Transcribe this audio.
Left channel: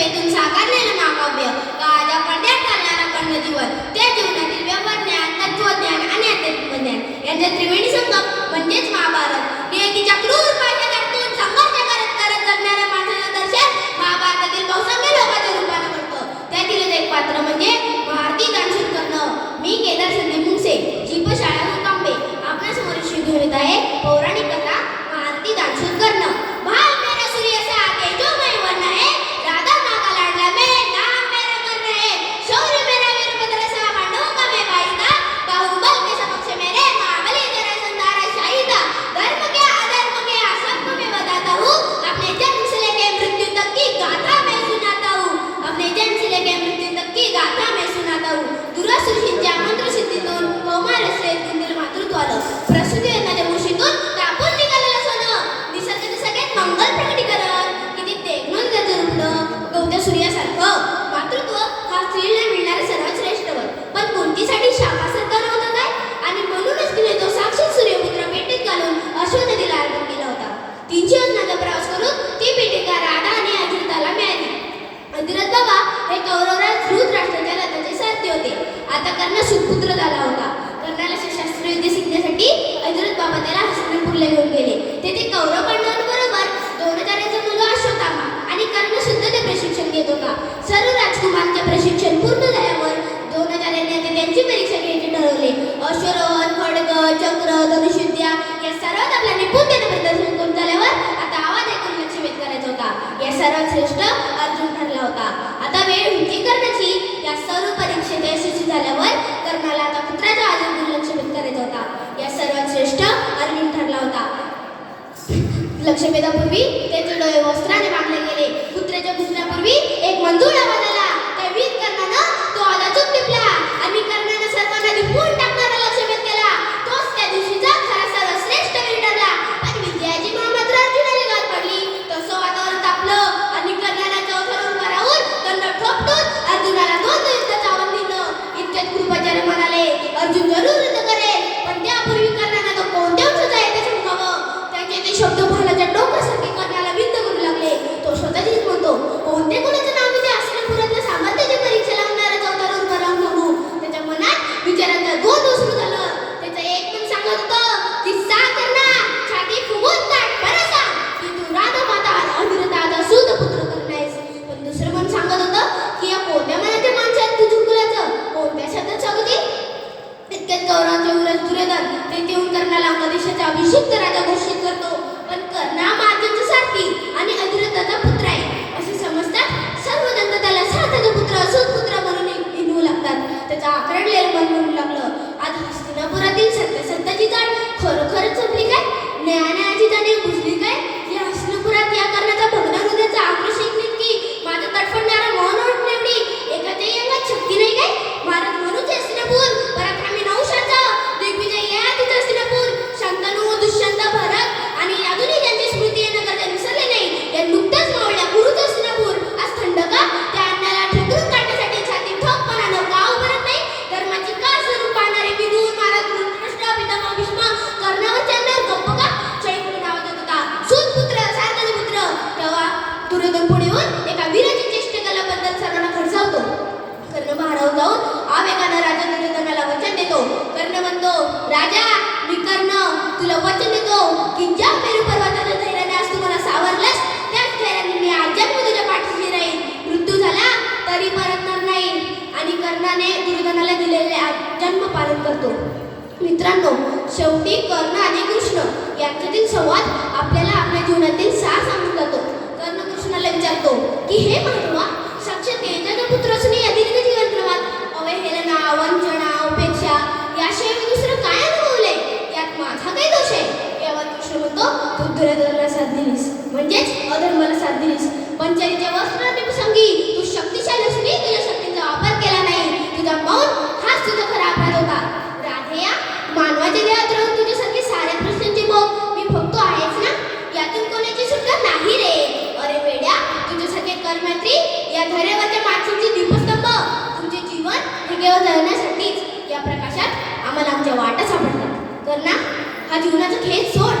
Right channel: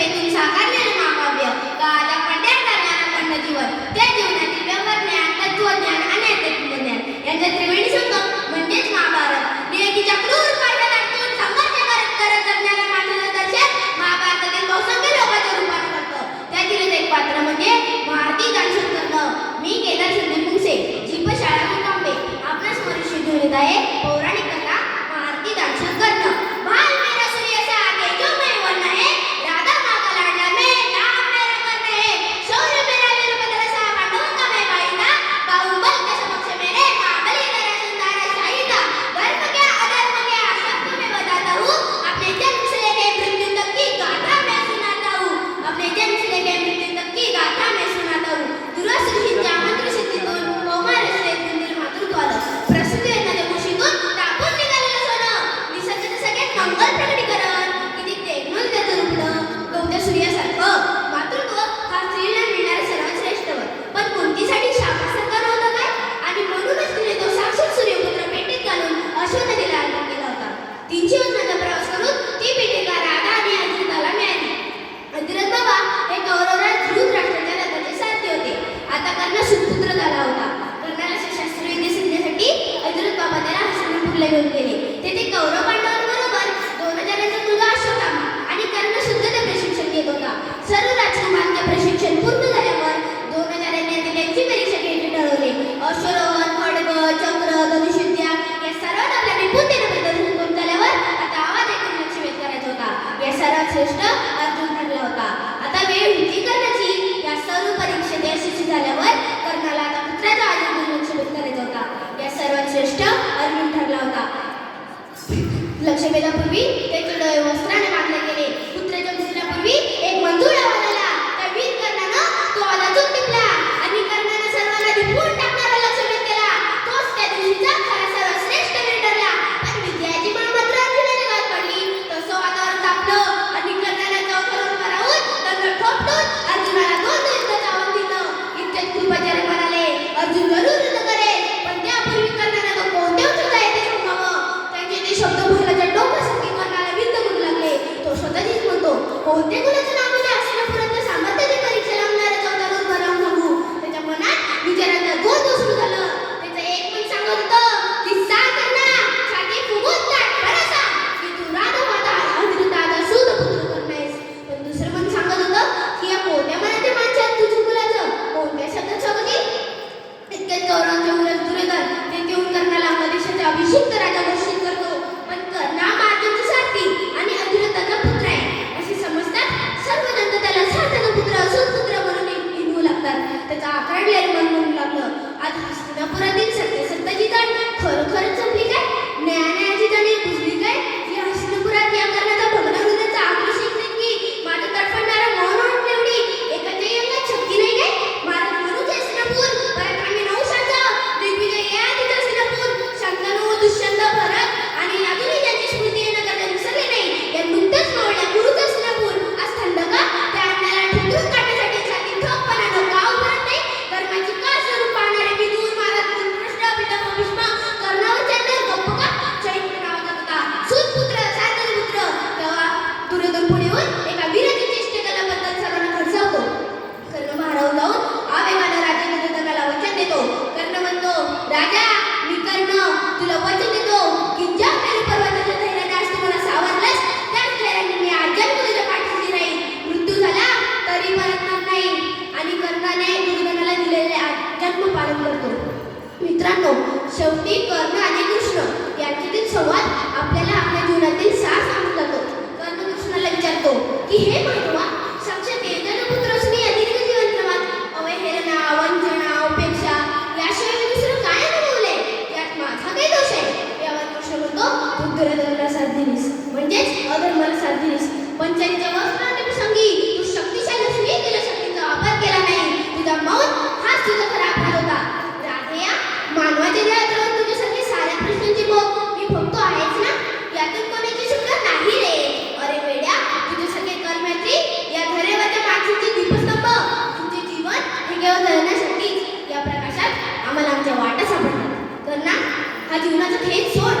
प्रतिभेतून साकारलेले महाकाव्य काळाच्या पडद्यात चालणारा खंड जीवन त्या जीवनातील व्यवहारज्ञान तत्वज्ञान आणि अध्यात्मज्ञान यांचा त्रिवेणी संगम म्हणजेच महाभारत. नियतीच्या क्रूर पायथ्यातून संघर्ष करत जगणाऱ्या माणसाचं दर्शन महाभारतातील बहुसंख्य लोकांच्या रूपाने करतं. त्यातीलच एक पात्र म्हणजे भारती दानशूरकर्ण. मी केदार संदीप मुंगसे, जीपशाळा मुकांबे आपल्या समोर शिजून येत आहे पौराणिक कथा भारती दानशूरकर्ण. भाल मेरा सूर्य सा तेजो मैं वर्ण है, राधा माँ का लाडला मैं, नाम मेरा कर्ण है, शौर्य मेरा वीरभद्र सा मांडूंगा मैं बाईदा, बाहुबल के समक्ष मेरे महाबली तेरा संधारा शाहिदा, धर्म क्या अधर्म क्या सबको मैं बताता हूँ, अपने जन्म से लेके मृत्यु तक की गाथा मैं सुनाता हूँ, अपने जन्म से लेके मृत्यू तक की गाथा मैं सुनाता हूँ. दुरासुरींच्या मंत्रसिद्धीतून कौमार असे दिलेलं मातृत्व आलं. प्रसूती येणाऱ्या कुशीतून तापून निघालेलं सोनं, निसर्गाचं सगळ्यात मंगल प्रकटीकरण. किती देखणं त्याचं रूपणं गवत्या सूर्यासारखं. मातृत्व हा स्त्रीला मिळणारे सर्वात श्रेष्ठ वर. पण कुंतीसाठी शापासारखं नव्हतं काय? आणि म्हणूनच तिने तो साक्षात सूर्यपुत्र पेटीत घालून अश्व नदीला अर्पण केला होता. 300 योजनांचा प्रवास करून ती पेटिका राधा आणि अजिरथाला मिळाली. अजिरथ बाबा हे कौरवराज धृतराष्ट्राच्या रथाचे सारथी होते. आता कर्ण सुपुत्र झाला होता. कर्णाला शस्त्रयुद्ध शिकण्यासाठी अजिरथ बाबा त्याला हस्तिनापूरला घेऊन गेले. तेथे कौरव पांडवांबरोबर 2000 मुलगा अश्वत्थामा आणि कर्ण सुद्धा ते प्रशिक्षण घेत होता. सर्व राजकुमारांचे प्रशिक्षण पूर्ण झाल्यावर 2000 यांनी त्यांची परीक्षा घ्यायचे ठरवले. अश्वरोहण, खड्ग, चक्र, धनुष्यविद्या या सर्वात आपल्या निपुणतेने प्रदर्शन करून झाल्यावर आता आवाज ऐकून लक्ष वेध करायचा होता. या सर्वात श्रेष्ठ अर्जुन ठरला होता. आता वेळ होती कर्णाची. या सर्व परीक्षेत यशस्वी झाल्यावर कर्णाला आता पुत्राच्या आजीवर लक्ष वेध करायचा होता. या सर्वात श्रेष्ठ अर्जुन ठरला होता. लक्षभेदापूर्वी त्याचे डोळे वस्त्राने बांधले गेले. पुत्राच्या पूजनापूर्वी एक मंजूळ आवाज आला. त्या वीर कर्णानं तो आवाजातून टिपला आणि कर्णानं सर्वांना दिपवून टाकणारा लक्षभेद केला. तोच त्या दिवशीचा खरा सर्वश्रेष्ठ वीर ठरला. पण विजयाची माळ मात्र अर्जुनाच्या गात पडली. तसं वातावरण तापलं आणि कर्णाला चौथरून वरावून दंड ठोपटून अर्जुनाला 2 युद्धाचं आव्हान दिलं. इतक्यात कृपाचार्य म्हणाले, अर्जुन जरूर युद्ध करेल, पण त्यापूर्वी कर्णाला तो कोणत्या वंशाचा आहे ते सांगावं. त्याचे ते शब्द भालाच्या डोक्यासारखे कर्णाला विद्ध करू लागले. तो स्वतःचीच म्हणतो, कोणत्या कुणाचं नाव ते हस्तिनापुरातल्या सामर्थ्याची परीक्षा लावणाऱ्या चौथरून वरावून बघू. त्याच्या मनात विचारांचा गोंधळ सुरू झालं. त्याचं एक मन सांगत होतं की सा कर्णा, छाती फुगून ताट बरं सांग की तू राधा माता अजिरथाचा सूत पुत्र करून आहेस. पण दुसरं मन सांगत होतं की या कोणत्या मनाच्या माणसात तुझ्या मुलाचं कोणत्या शब्दात स्वागत. इतक्यात कौरवांचे उरस दुर्योधन तेथे येऊन कर्णाला अंगदेशाचा अभिषिक्त राजा घोषित करतो. पण कर्ण हा अर्जुनाचा सारथी आणि अजिरथाचा पुत्र आहे असे समजतात सर्वजण. त्याला सारथ्याचा पुत्र सूतपुत्र म्हणून हिणवू लागतात. त्याचं आखडलेलं मन म्हणू लागलं, आज हस्तिनापुरातील सत्याची जाण खरोखरच संपली काय? न्यायाची जाणीव बुजली काय? या हस्तिनापुरात या कर्णाचा भग्न हृदयाचा आक्रोश की माझं तडफडणारा मौन ओळखले एवढी एकाच्याही अंगात शक्ती नाही काय? महाराज म्हणूच हस्तिनापूर पराक्रमी नहुषाचा दिग्विजय या तिथं हस्तिनापूर. शंतनू, दुष्यंत, भरत आणि अजूनही ज्यांची स्मृती येणं गरजेचं विसरले नाही या नुकत्याच मावळ्या गुरुच हस्तिनापूर आज थंड का? त्या अन्नाला ठिकून काढण्यासाठी छाती ठोकपणानं का उभारत नाही? धर्माची का स्वरूप पाहणारे विदूर महाराज धृतराष्ट्र पितामह भीष्म कर्णावर चंद्र गप्प का? चैत्र आवाज येत होता, सूतपुत्र, सारथ्याचा पुत्र. तेव्हा दुर्योधन पुढे येऊन एका वीराची चेष्टा केल्याबद्दल सर्वांना खडसावतो. कर्ण भारावून जाऊन आवेगानं राजा दुर्योधनाला वचन देतो. कर्ण म्हणतो, राजा मी कर्ण तुला वचन देतो की ज्या मेरू पर्वताच्या धैर्याने आज तुम्हाला सावरलंस त्याच धैर्याने मी आजन्म तुझ्या पाठीशी राहील. मृत्यू झाला तरी मरणार नाही. आणि कर्णाने दुर्योधनाला दिलेले जन्म पालन करतो. मित्रांनो, शेवटी कर्ण आणि कृष्ण यांच्यातील संवाद आपल्याला आपल्या जीवनातील सार सांगून जातो. कर्ण कृष्णाला विचारतो की हे माधवा, साक्षात तेजाचा पुत्र असून अधिक जीवन प्रवाद अवहेलना, वंचना, उपेक्षा याशिवाय मी दुसरं काय अनुभवलंय? यात माझा काही दोष आहे? यावर कृष्ण म्हणतो, तू दुर्योधनाला साथ दिलीस म्हणजेच अधर्माला साथ दिलीस. पंचारीच्या वस्त्राने प्रसंगी तू शक्तिशाली असूनही तुझ्या शक्तीचा वापर केला नाही. तुझा मौन हाच तुझा खरा अपराध होता. राधेया, मानवाच्या देहात राहून तुझ्यासारखे साऱ्या प्रश्नांची भोग मी भोगतो आहेच ना? यातून कोणाची सुटका नाही रे. अरे वेड्या, तुझ्यासारखे कर्मैत्री या धैर्यवाच्या माणसांचे दीपस्तंभ. तुमचे जीवन हे केवळ जळण्यासाठीच. या प्रकाशात आम्हाला आमच्या वाटा सापडतात. कर्णा, हा जीवनाचा खेळ सोड.